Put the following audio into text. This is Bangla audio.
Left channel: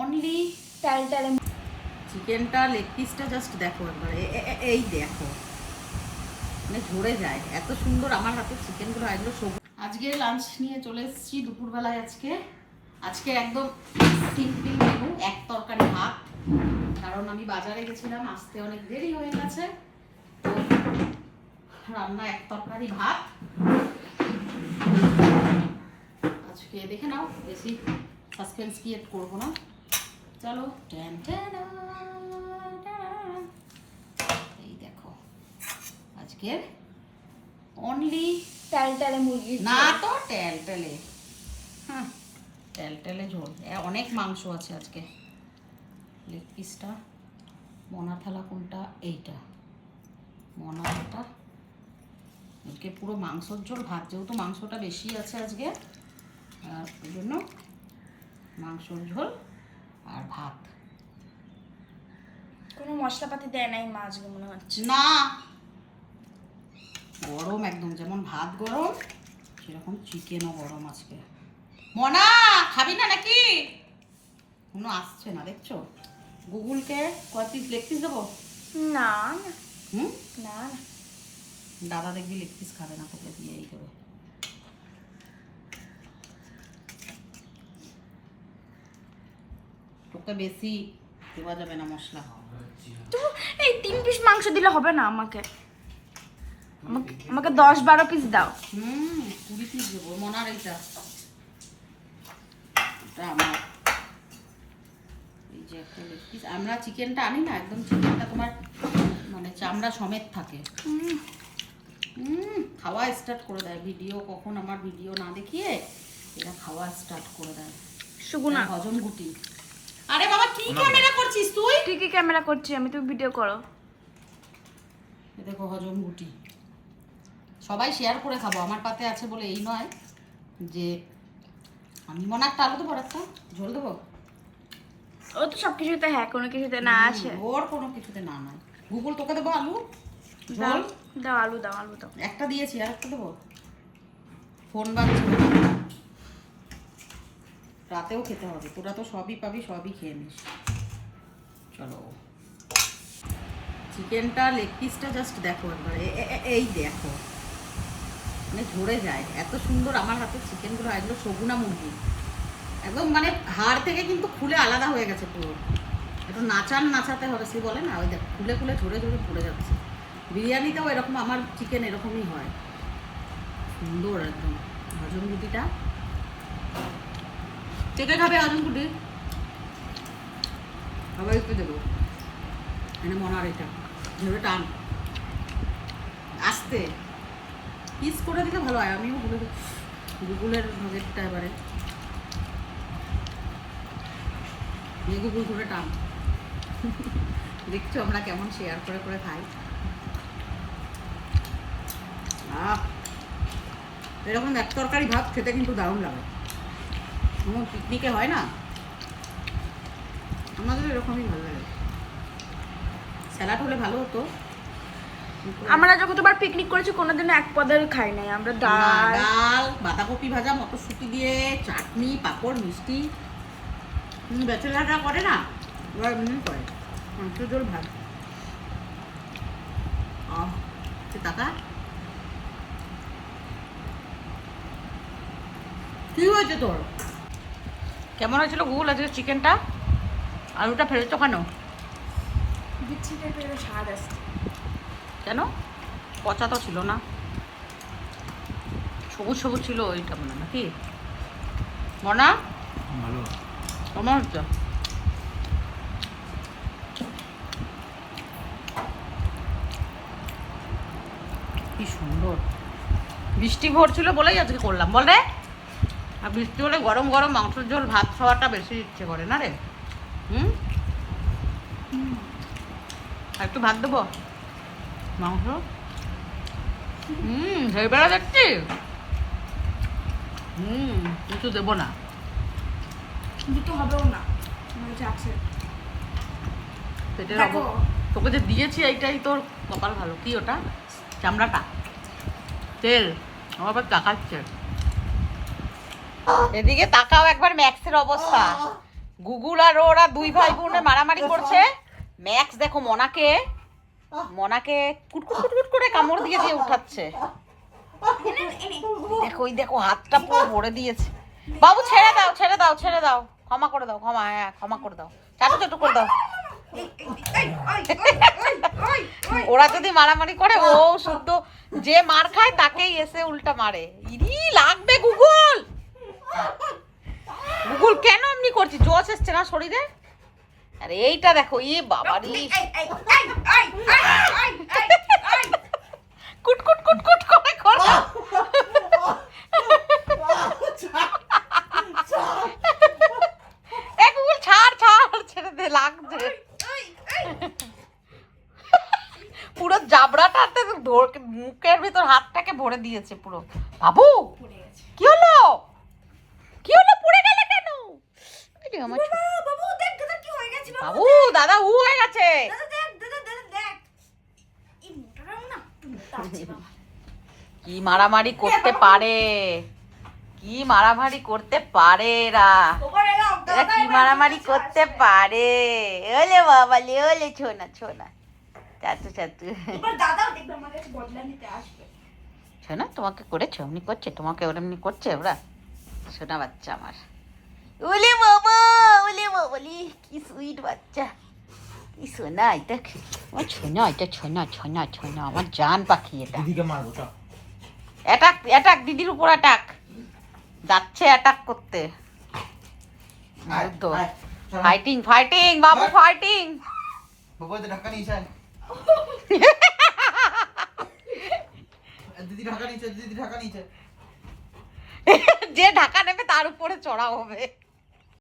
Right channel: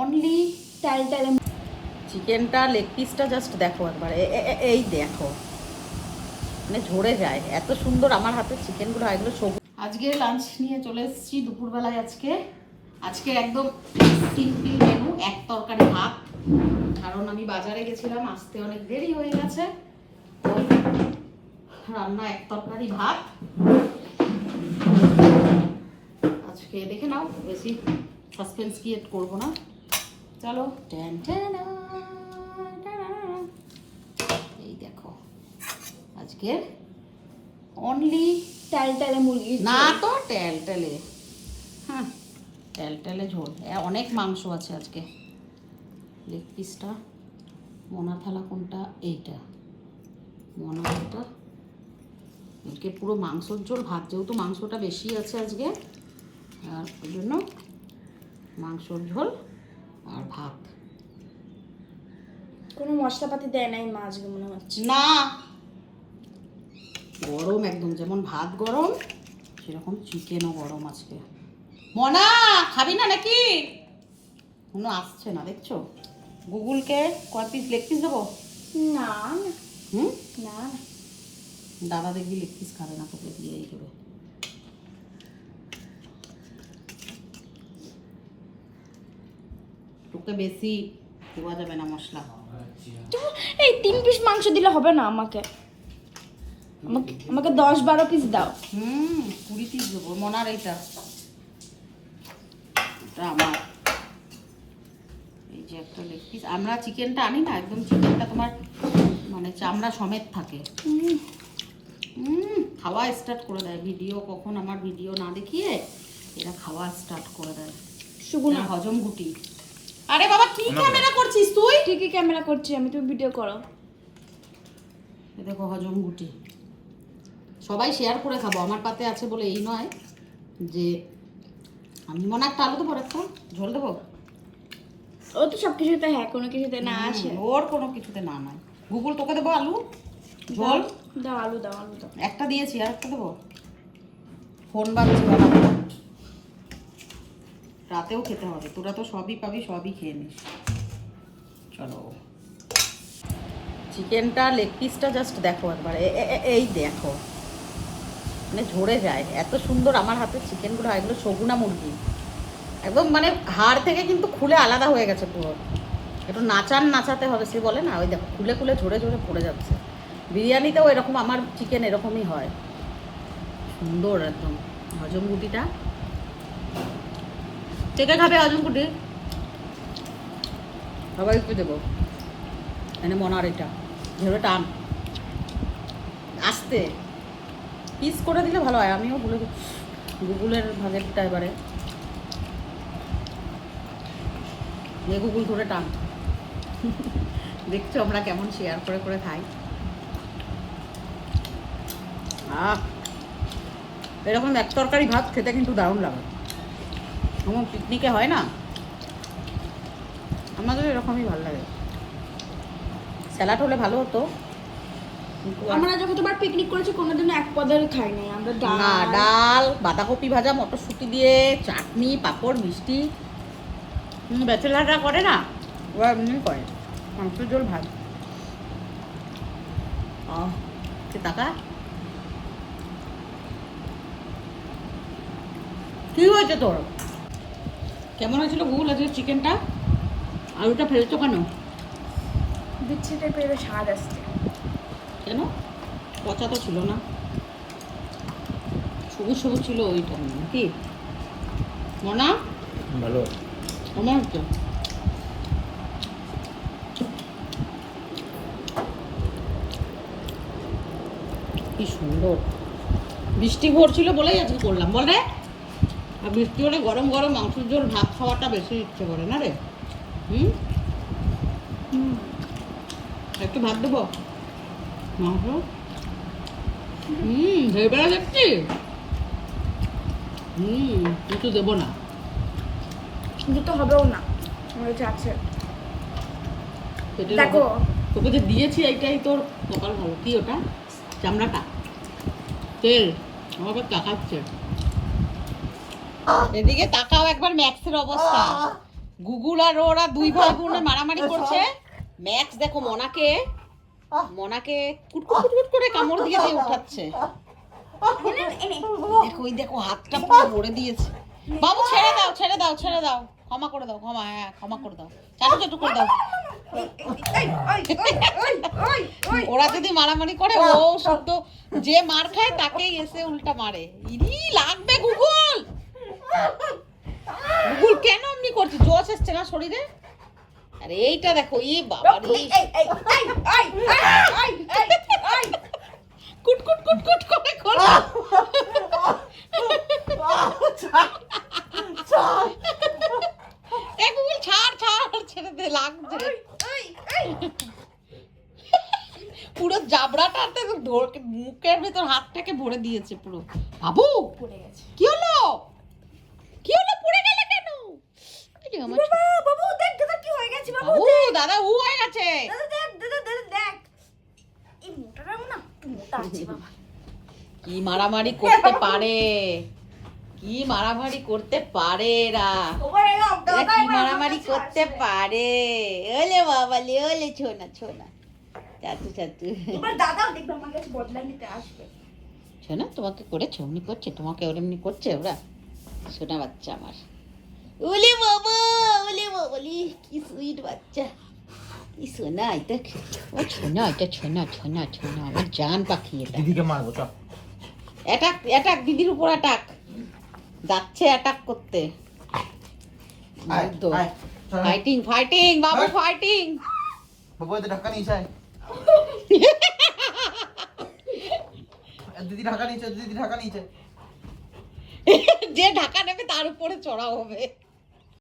অনলি টালটালে। চিকেনটা লেগ পিসটা জাস্ট দেখো একবার, এই দেখো, মানে ঝরে যায়, এত সুন্দর আমার হাতের চিকেনগুলো। এগুলো সবুজ। আজকে লাঞ্চ নিয়ে চলে এসেছি দুপুরবেলায়। আজকে একদম সিম্পল মেনু, এক তরকারি ভাত। কারণ আমি বাজারে গেছিলাম, আসতে অনেক দেরি হয়ে গেছে, তো রান্না এক তরকারি ভাত। আজকে দেখে নাও, বেশি সাসপেন্স ক্রিয়েট করবো না, চলো। এই দেখো আজকে অনলি টালটালে মুরগি না তো টেলটেলে, হ্যাঁ টেলটেলে ঝোল। অনেক মাংস আছে আজকে। লেগ পিসটা, মোনা থালা কোনটা? এইটা মোনা থালা। আজকে পুরো মাংসর ঝোল ভাত, যেহেতু মাংসটা বেশি আছে আজকে, আর ওই জন্য মাংসর ঝোল আর ভাত। কোনো মশলাপাতি দেয় নাই মা আজকে মনে হচ্ছে। না, গরম একদম, যেমন ভাত গরম সেরকম চিকেনও গরম আজকে। মনা খাবি না নাকি? কোনো আসছে না দেখছো। গুগলকে কয় পিস লেগ পিস দেবো? না হুম, না দাদা দেখবি লেগ পিস খাবে না, তোকে দিয়েই দেবে। তোকে বেশি দেওয়া যাবে না মশলা। এই 3 পিস মাংস দিলে হবে না আমাকে? আমাকে 10-12 পিস দাও। 20 পিস দেবো। মনার এইটা, এটা আমার। এই যে একটা লেগ পিস। আমরা চিকেনটা আনি না, একদম চিকেনটা তোমার মানে চামড়া সমেত থাকে। খাওয়া স্টার্ট করে দেয়। ভিডিও কখন আমার ভিডিও না দেখিয়ে এরা খাওয়া স্টার্ট করে দেয়। সুগুনা হজম গুটি। আরে বাবা কি ক্যামেরা করছিস তুই? ঠিকই ক্যামেরা করছি আমি, তুমি ভিডিও করো। এ দেখো হজম গুটি। সবাই শেয়ার করে খাবো, আমার পাতে আছে বলে এই নয় যে আমি মনে একটা আলু দেবো, একটা ঝোল দেবো। ও তো সব কিছুতে হ্যাঁ, কোনো কিছুতে না আসে। ওর কোনো কিছুতে না নয়। গুগল তোকে দেবো আলু দাও ঝোল। দাও, আলু দাও, আলু দাও। একটা দিয়েছি, আর একটা দেবো। ফোন বাজছে বাবা, রাতেও খেতে হবে। তোরা তো সবই পাবি, সবই খেয়ে নিস। চলো, চিকেনটা লেগ পিসটা জাস্ট দেখো একবার, এই দেখো, মানে ঝরে যায়, এত সুন্দর আমার হাতের চিকেনগুলো। এগুলো সগুনা মুরগি, একদম মানে হাড় থেকে কিন্তু খুলে আলাদা হয়ে গেছে পুরো। একটু নাচাতে হবে, সে বলে না, ওই দেখো খুলে খুলে ঝরে ঝরে পড়ে যাচ্ছে। বিরিয়ানিতেও এরকম আমার চিকেন এরকমই হয়, সুন্দর একদম। হজম গুটিটা কে খাবে? হজম গুটি সবাইকে দেবো। এনে মনার এটা ঝেড়ে টান আসতে পিস করে দিলে ভালো হয়। আমিও বলে গুগলের ভাগেরটা এবারে গুগল করে টান। দেখছো আমরা কেমন শেয়ার করে করে খাই। এরকম এক তরকারি ভাত খেতে কিন্তু দারুণ লাগে। যেমন পিকনিকে হয় না, আমাদের এরকমই ভালো লাগে। স্যালাড হলে ভালো হতো। আমরা যখন তোমার পিকনিক করেছি কোনোদিনও এক পদের খাই নাই আমরা। ডাল, বাঁধাকপি ভাজা, মটরশুঁটি দিয়ে চাটনি, পাঁপড়, মিষ্টি। ব্যাচেলাররা করে না, ওরা এমনি করে মাংসের ঝোল ভাত। টাকা কি হয়েছে তোর? কেমন হয়েছিল গুগল আজকে চিকেনটা? আলুটা ফেলছো কেন? বিচ্ছি টাইপের স্বাদ আসছে। কেন? পচা তো ছিল না, সবুজ সবুজ ছিল ওইটা মনে নাকি? মনা ভালো মনে হচ্ছে। কি সুন্দর বৃষ্টি ভরছিল বলেই আজকে করলাম, বল রে। আর বৃষ্টি হলে গরম গরম মাংসের ঝোল ভাত খাওয়াটা বেশি ইচ্ছে করে না রে? আর একটু ভাত দেবো মাংস। বেলা দেখছি। কিন্তু দেবো না, দুটো হবেও না, আমার কাছে আছে। পেটে দেখো তোকে যে দিয়েছি এইটাই তোর কপাল ভালো। কি ওটা? চামড়াটা তেল আমার আবার তাকাচ্ছে। এদিকে তাকাও একবার ম্যাক্সের অবস্থা। গুগুল আর ওরা দুই ভাই বোনে মারামারি করছে। ম্যাক্স দেখো মনাকে কুটকুট কুটকুট করে কামড় দিয়ে দিয়ে উঠাচ্ছে। দেখো ওই দেখো হাতটা পুরো ভরে দিয়েছে। বাবু ছেড়ে দাও ছেড়ে দাও ছেড়ে দাও, ক্ষমা করে দাও, ক্ষমা, হ্যাঁ ক্ষমা করে দাও, চাটু চাটু করে দাও। ওরা যদি মারামারি করে ও শুদ্ধ যে মার খায় তাকেই এসে উল্টা মারে। ইরি লাগবে গুগল, গুগল কেন এমনি করছি? জোশ এসছে না শরীরে? আরে এইটা দেখো, ই বাবা রে, কুট কুট কুট কুট করে করো। এ গুগল ছাড় ছাড়, ছেড়ে দে, লাগছে। পুরো জাবড়াটাতে মুখের ভেতর হাতটাকে ভরে দিয়েছে পুরো। বাবু কি হলো? কি হলো? পড়ে গেলে কেন? আমার বাবু দাদা উ হয়ে গেছে। কি মারামারি করতে পারে, কি মারামারি করতে পারে এরা, এরা কি মারামারি করতে পারে। ওলে বাবা লে, ওলে ছোনা ছোনা, চাচু চাচু। শোনা তোমাকে করেছে এমনি করছে, তোমাকে ওর এমনি করছে ওরা। শোনা বাচ্চা আমার, ওলে বাবা লি, কি সুইট বাচ্চা, কি সোনা এটা, ও ছোনা, এটা ছোনা ছোনা ছোনা, আমার জান পাখি এটা। দিদিকে মারবো তো। অ্যাটাক অ্যাটাক, দিদির উপর অ্যাটাক, যাচ্ছে অ্যাটাক করতে। ফাইটিং ফাইটিং বাবু ফাইটিং। বাবু তো ঢাকা নিচে, দিদি ঢাকা নিচে, দিদি ঢাকা নিচে। যে ঢাকা নেবে তার উপরে চড়া হবে।